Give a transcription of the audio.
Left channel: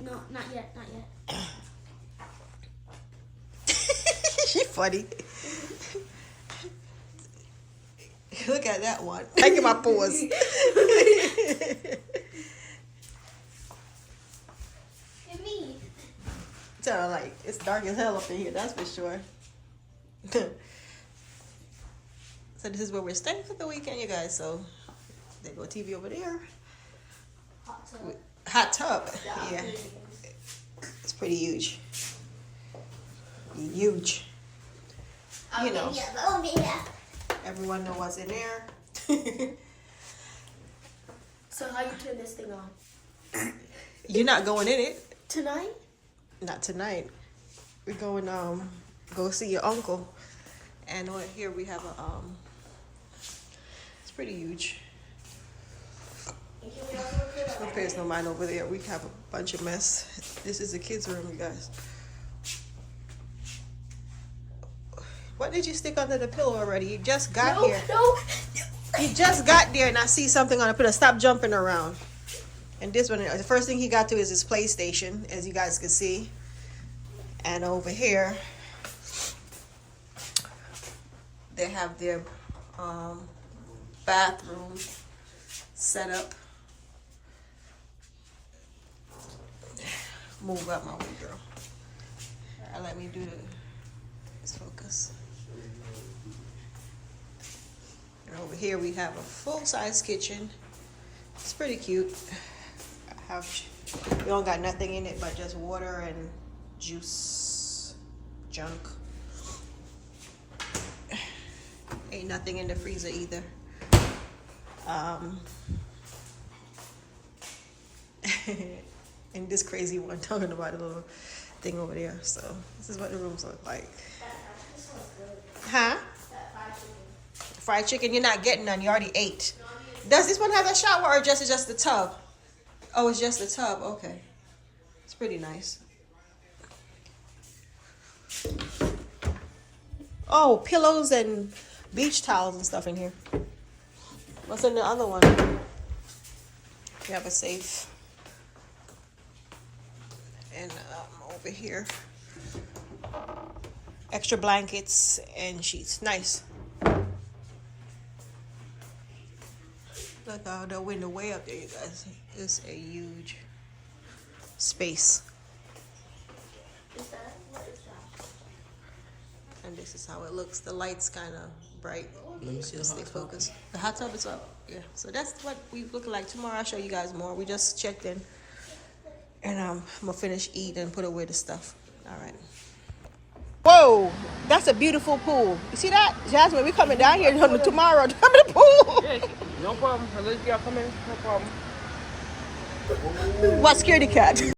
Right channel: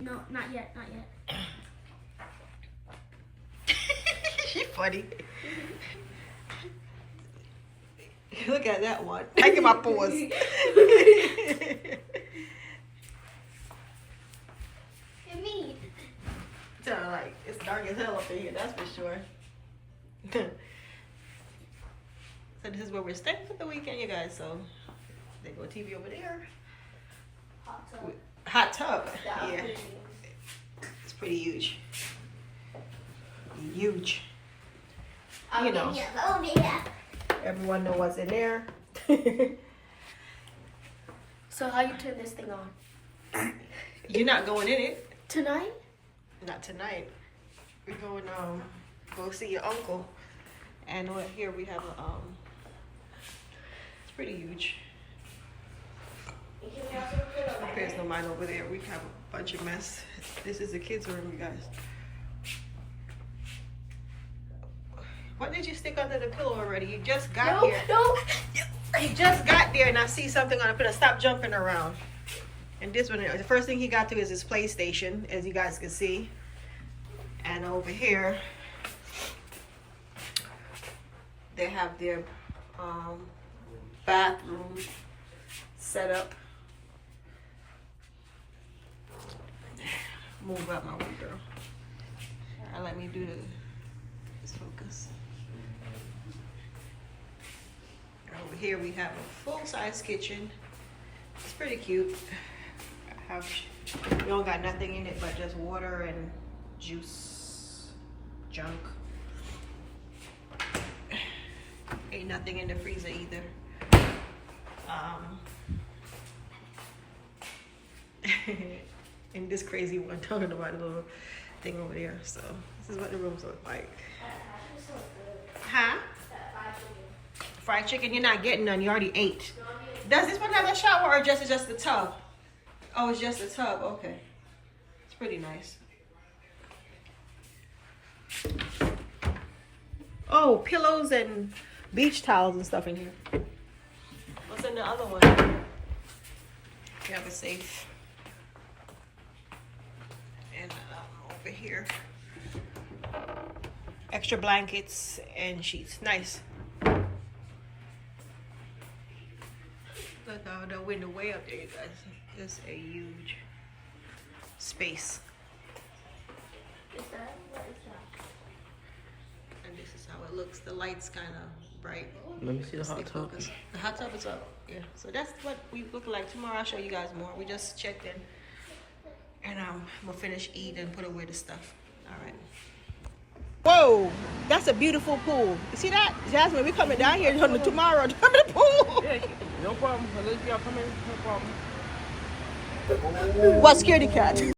No, not yet, not yet. She funny. Look at that one. I get my paws. Me. So like it's dark as hell up in here, that's for sure. So this is where we're staying for the weekend, you guys. So they go TV over there. Hot tub. Yeah. It's pretty huge. Huge. You know. Everyone know what's in there. So how you turn this thing on? You're not going in it. Tonight? Not tonight. We're going go see your uncle. And over here we have a it's pretty huge. Don't pay us no mind over there. We have a bunch of mess. This is the kids' room, you guys. What did you stick under the pillow already? You just got here. No. He just got there and I see something on the pillow. Stop jumping around. And this one, the first thing he got to is his PlayStation, as you guys can see. And over here, they have their bathroom set up. Move out my way, girl. All right, let me do let's focus. Over here we have a full-size kitchen. It's pretty cute. We don't got nothing in it but just water and juice, junk. Ain't nothing in the freezer either. And this crazy one talking about a little thing over there. So this is what the rooms look like. Huh? Fried chicken, you're not getting none. You already ate. Does this one have a shower or just the tub? Oh, it's just the tub. Okay. It's pretty nice. Oh, pillows and beach towels and stuff in here. What's in the other one? You have a safe. And over here, extra blankets and sheets. Nice. Look out the window way up there, you guys. It's a huge space. And this is how it looks. The light's kind of bright. Let me see the Just hot stay tub. focused. The hot tub is up. Yeah. So that's what we look like. Tomorrow I'll show you guys more. We just checked in. And I'm gonna finish eating and put away the stuff. All right. Whoa, that's a beautiful pool. You see that? Jasmine, we're coming down here tomorrow to come to the pool. Yeah, no problem. Unless you gotta come in, no problem. What, scaredy cat?